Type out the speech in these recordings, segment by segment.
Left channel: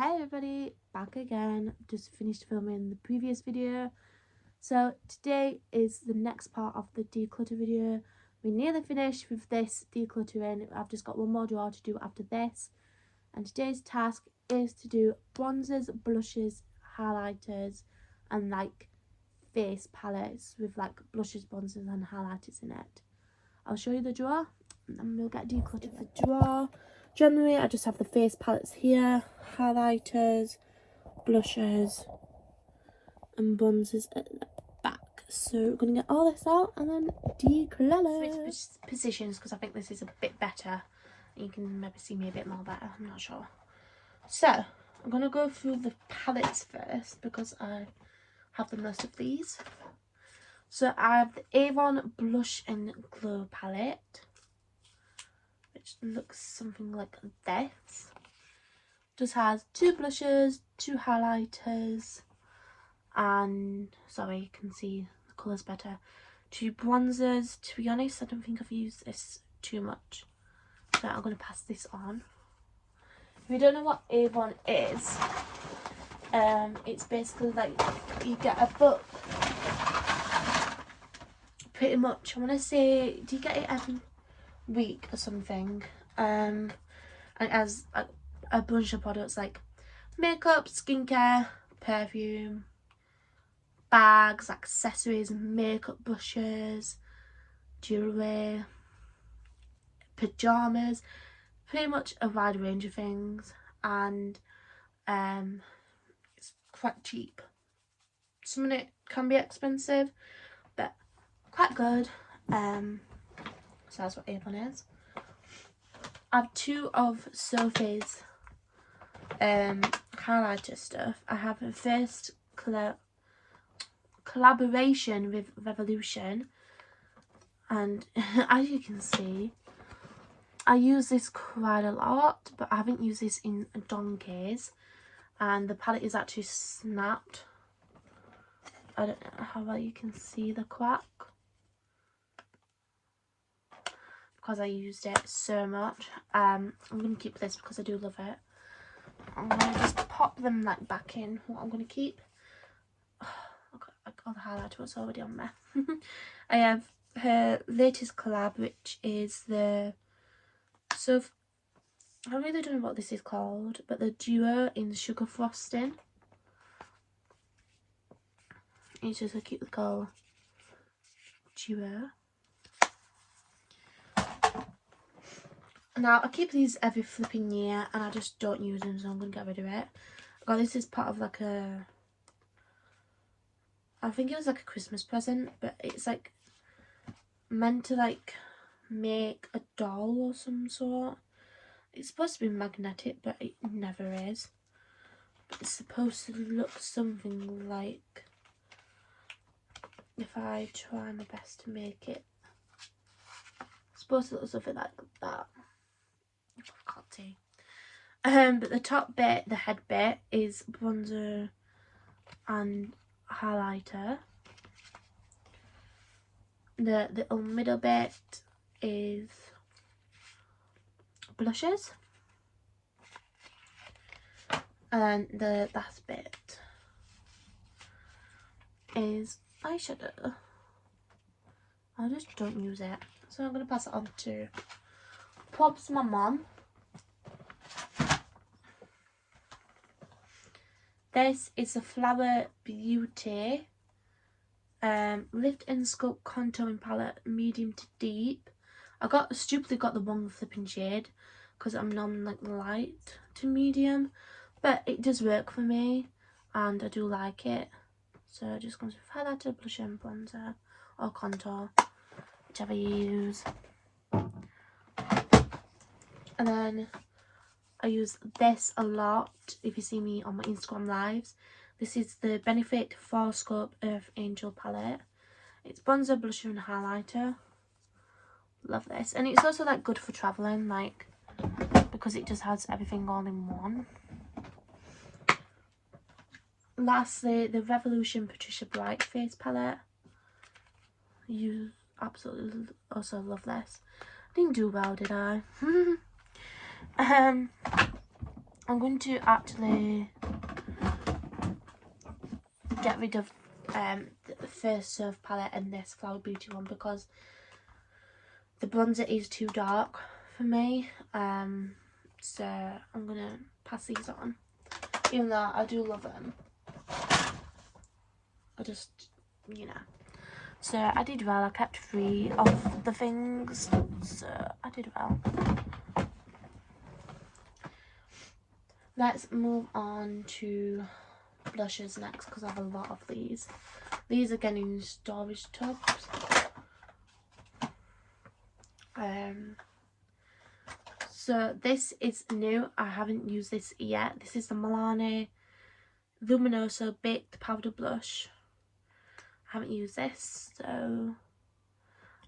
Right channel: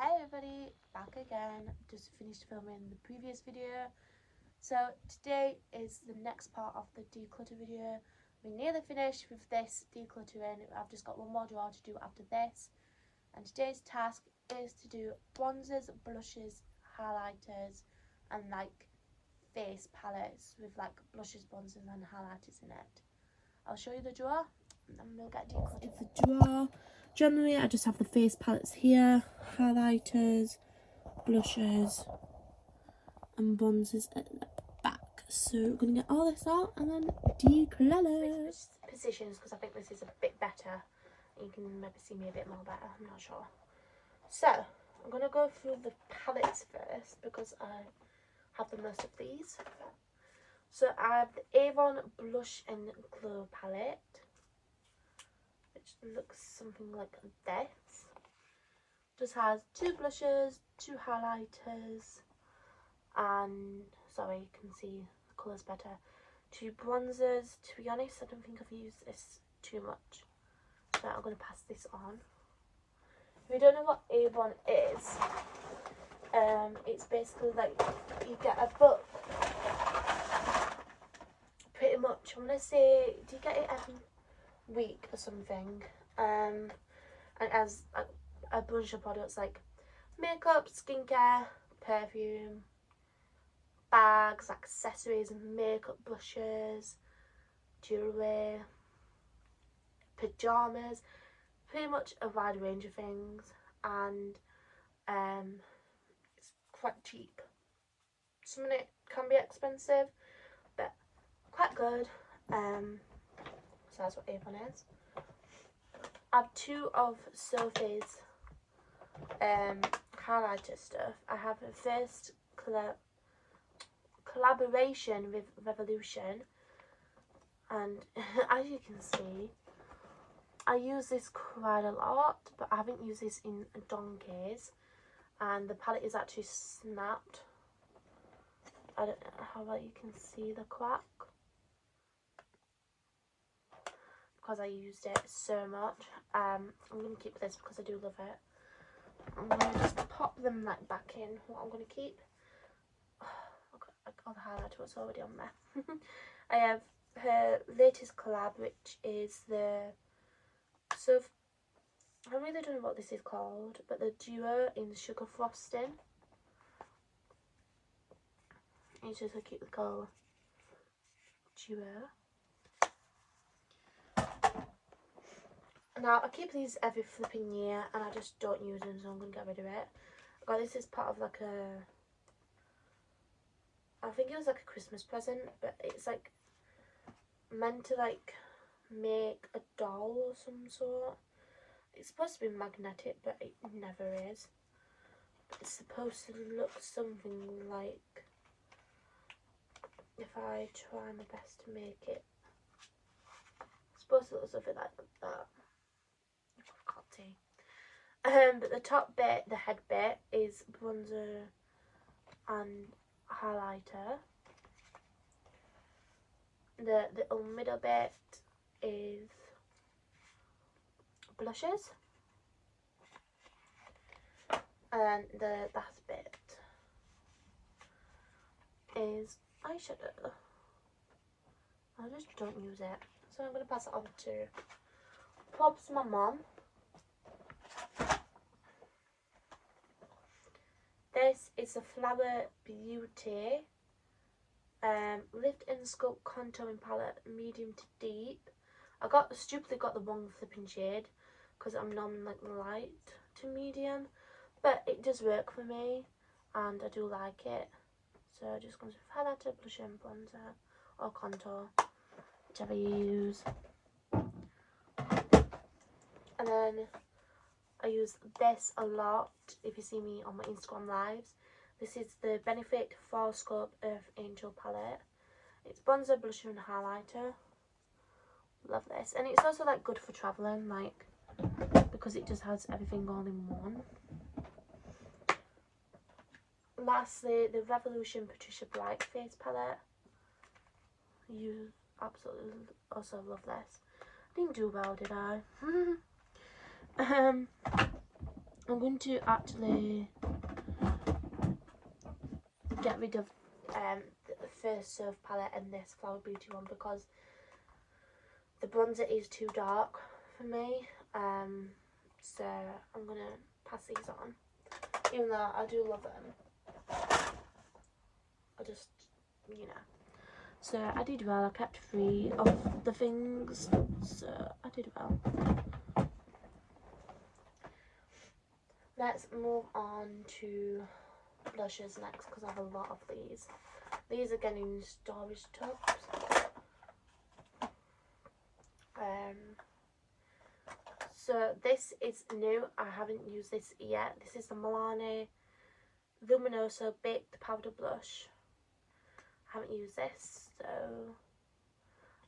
Hi everybody, back again. Just finished filming the previous video. So today is the next part of the declutter video. We're nearly finished with this decluttering. I've just got one more drawer to do after this. And today's task is to do bronzers, blushes, highlighters and like face palettes with like blushes, bronzers and highlighters in it. I'll show you the drawer and we'll get decluttered. The drawer. Generally, I just have the face palettes here, highlighters, blushes, and bronzers at the back. So we're going to get all this out and then declutter. Switch positions because I think this is a bit better. You can maybe see me a bit more better, I'm not sure. So, I'm going to go through the palettes first because I have the most of these. So I have the Avon Blush and Glow palette. Looks something like this. Just has two blushes, two highlighters, and sorry, you can see the colours better. Two bronzers. To be honest, I don't think I've used this too much, so I'm going to pass this on. If you don't know what Avon is, it's basically like you get a book. Pretty much, I want to say, do you get it every week or something? And it has like a bunch of products like makeup, skincare, perfume, bags, accessories, makeup brushes, jewellery, pyjamas, pretty much a wide range of things, and it's quite cheap. Some of it can be expensive but quite good. So that's what Avon is. I have two of Sophie's highlighter stuff. I have a first collaboration with Revolution, and as you can see, I use this quite a lot, but I haven't used this in donkeys, and the palette is actually snapped. I don't know how well you can see the crack because I used it so much. I'm going to keep this because I do love it. I'm going to just pop them like back in what I'm going to keep. All the highlighter was already on there. I have her latest collab, which is the I really don't know what this is called, but the duo in sugar frosting. It's just a cute little duo. Now I keep these every flipping year and I just don't use them, so I'm going to get rid of it. God, this is part of like I think it was like a Christmas present, but it's like meant to like make a doll or some sort. It's supposed to be magnetic, but it never is. But it's supposed to look something like, if I try my best to make it, it's supposed to look something like that. I can't see. But the top bit, the head bit, is bronzer and highlighter. The little middle bit is blushes, and then the last bit is eyeshadow. I just don't use it, so I'm going to pass it on to props my mum. This is a Flower Beauty Lift and Sculpt Contouring Palette, medium to deep. I stupidly got the wrong flipping shade because I'm normally like light to medium, but it does work for me and I do like it. So it just comes with highlighter, blusher and bronzer, or contour, whichever you use. And then I use this a lot if you see me on my Instagram lives. This is the Benefit 4 Scope Earth Angel palette. It's bronzer, blusher and highlighter. Love this. And it's also like good for travelling, like, because it just has everything all in one. Lastly, the Revolution Patricia Bright Face palette. You absolutely also love this. I didn't do well, did I? I'm going to actually get rid of the first Serve palette and this Flower Beauty one because the bronzer is too dark for me. So I'm going to pass these on. Even though I do love them. I just, you know. So I did well. I kept 3 of the things. So I did well. Let's move on to blushes next because I have a lot of these. These again in storage tubs. So this is new. I haven't used this yet. This is the Milani Luminoso Baked Powder Blush. I haven't used this, so I'm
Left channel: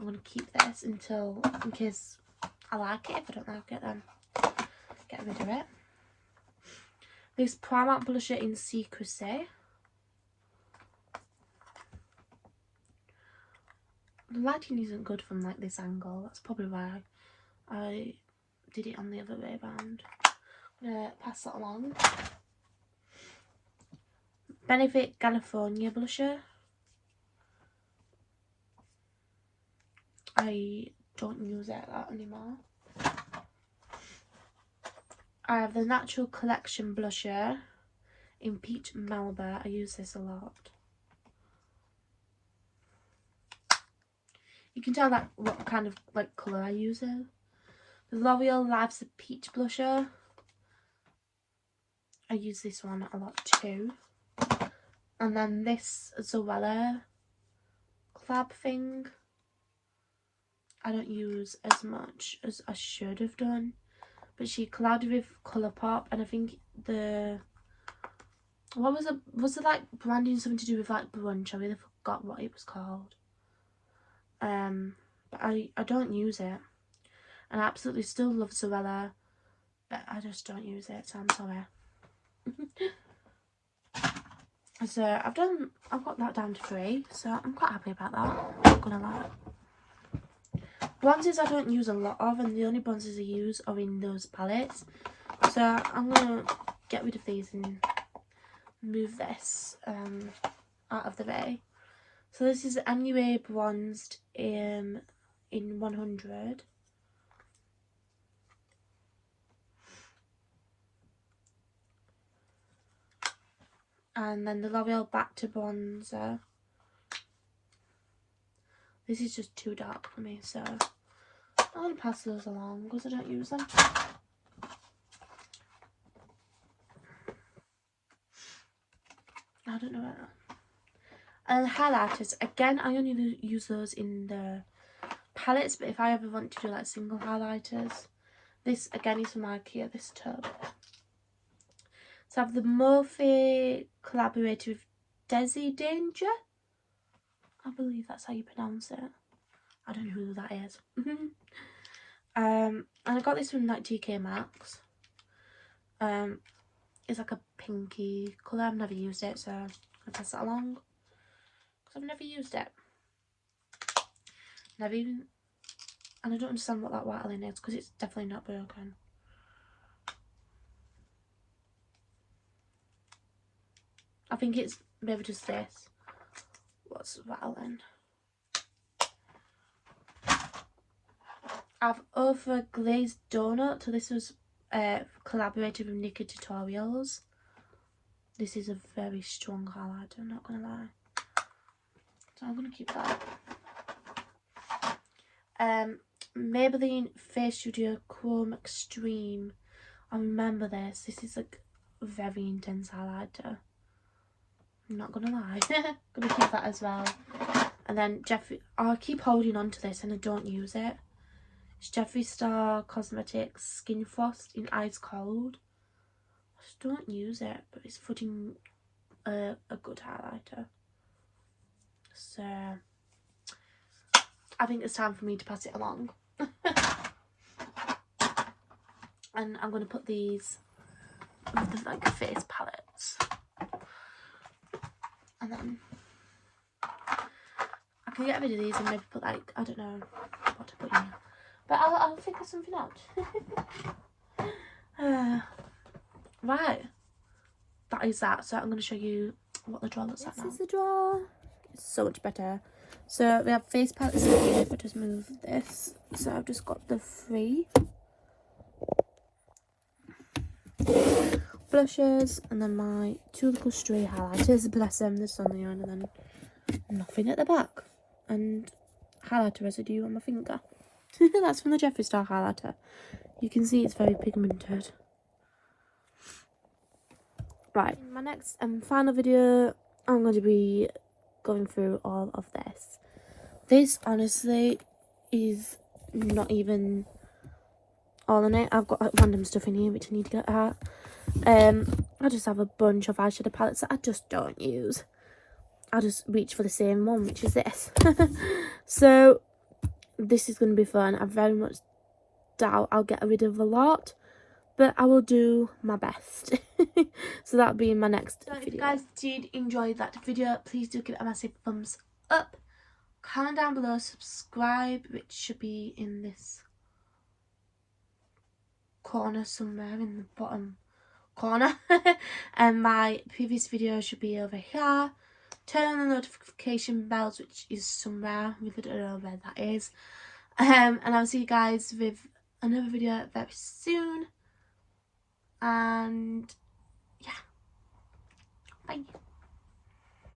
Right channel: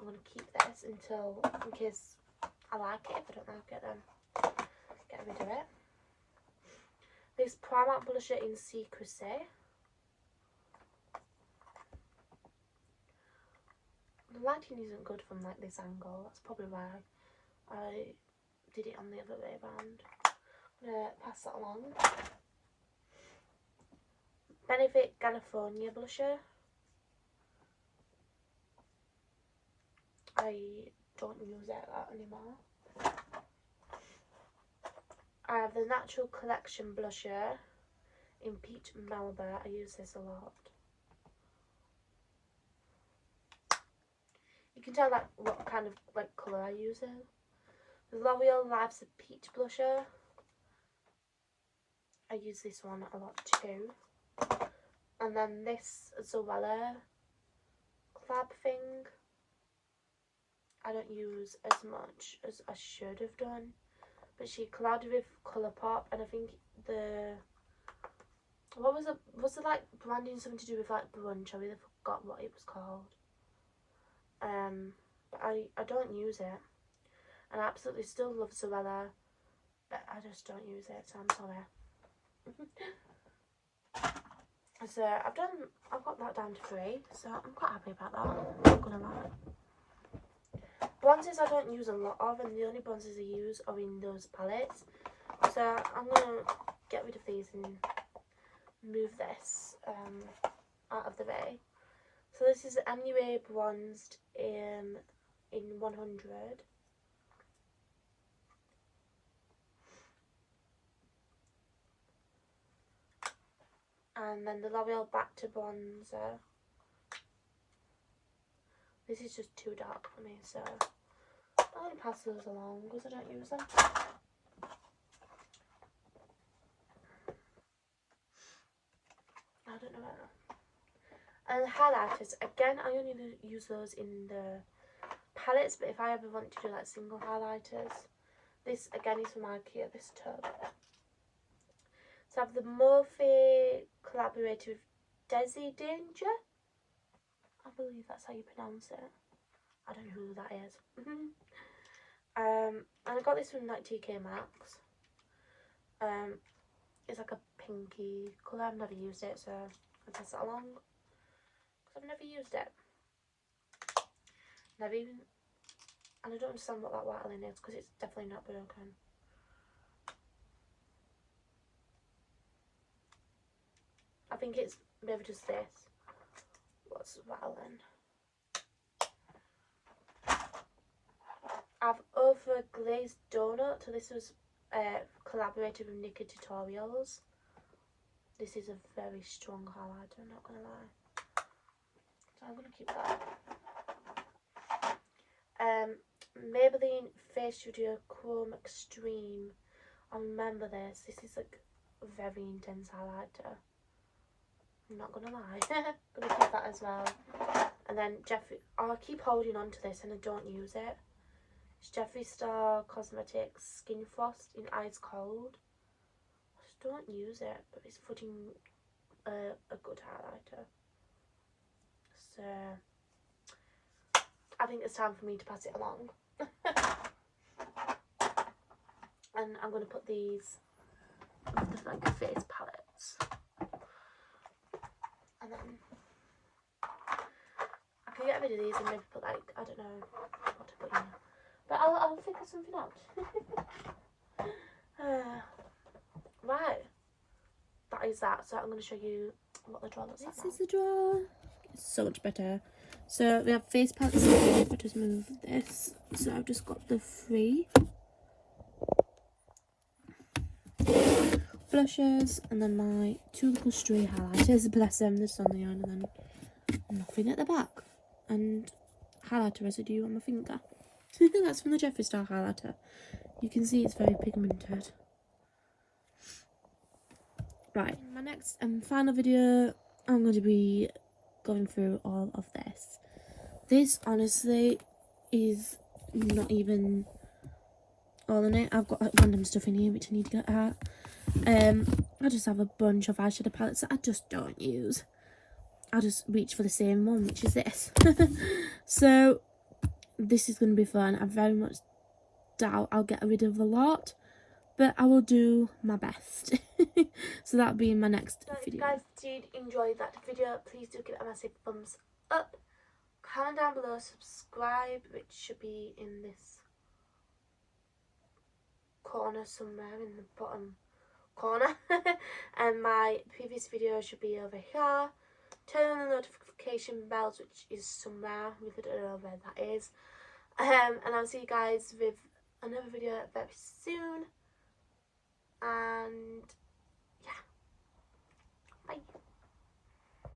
going to keep this until, in case I like it. If I don't like it, then get rid of it. This Primark Blusher in Secrecy. The lighting isn't good from like this angle. That's probably why I did it on the other way around. I'm going to pass that along. Benefit California Blusher. I don't use it that anymore. I have the Natural Collection Blusher in Peach Melba. I use this a lot. You can tell that what kind of like colour I use it. The L'Oreal Life's a Peach Blusher. I use this one a lot too. And then this Zoella collab thing. I don't use as much as I should have done. But she collabed with Colourpop, and I think was it like branding, something to do with like brunch? I really forgot what it was called. But I don't use it, and I absolutely still love Zoella, but I just don't use it, so I'm sorry. So I've got that down to 3, so I'm quite happy about that, not gonna lie. Bronzers I don't use a lot of, and the only bronzers I use are in those palettes. So I'm going to get rid of these and move this out of the way. So this is MUA Bronzed in 100. And then the L'Oreal Back to Bronzer. This is just too dark for me, so I'm going to pass those along because I don't use them. I don't know about that. And highlighters, again, I only use those in the palettes, but if I ever want to do like single highlighters, this again is from IKEA, this tub. So I have the Morphe collaborated with Desi Danger. I believe that's how you pronounce it. I don't know who that is. And I got this from like TK Maxx. It's like a pinky colour. I've never used it, so I'll pass that along. Because I've never used it. Never even... And I don't understand what that white line is, because it's definitely not broken. I think it's maybe just this. What's rattling? I've over glazed donut. So this was collaborated with Nika Tutorials. This is a very strong highlighter, I'm not gonna lie. So I'm gonna keep that. Maybelline Face Studio Chrome Extreme. I remember this. This is like a very intense highlighter. I'm not gonna lie. Gonna keep that as well. And then Jeffree, I keep holding on to this and I don't use it. It's Jeffree Star Cosmetics Skin Frost in Ice Cold. I just don't use it, but it's putting a good highlighter. So I think it's time for me to pass it along. And I'm gonna put these with the like face palettes. And then I can get rid of these and maybe put like, I don't know what to put in. But I'll figure something out. Right, that is that. So I'm going to show you what the drawer looks like now. This is the drawer. It's so much better. So we have face palettes in here. If I just move this. So I've just got the 3 blushes and then my 2 little stray highlighters. Bless them, there's something on and then nothing at the back. And highlighter residue on my finger. That's from the Jeffree Star highlighter. You can see it's very pigmented. Right, in my next and final video, I'm going to be going through all of this. This honestly is not even all in it. I've got like, random stuff in here which I need to get out. I just have a bunch of eyeshadow palettes that I just don't use. I just reach for the same one, which is this. So this is going to be fun. I very much doubt I'll get rid of a lot, but I will do my best. So that'll be in my next video. If you guys did enjoy that video, please do give it a massive thumbs up. Comment down below, subscribe, which should be in this corner somewhere in the bottom corner. And my previous video should be over here. Turn on the notification bells, which is somewhere. I really don't know where that is. And I'll see you guys with another video very soon. And yeah, bye.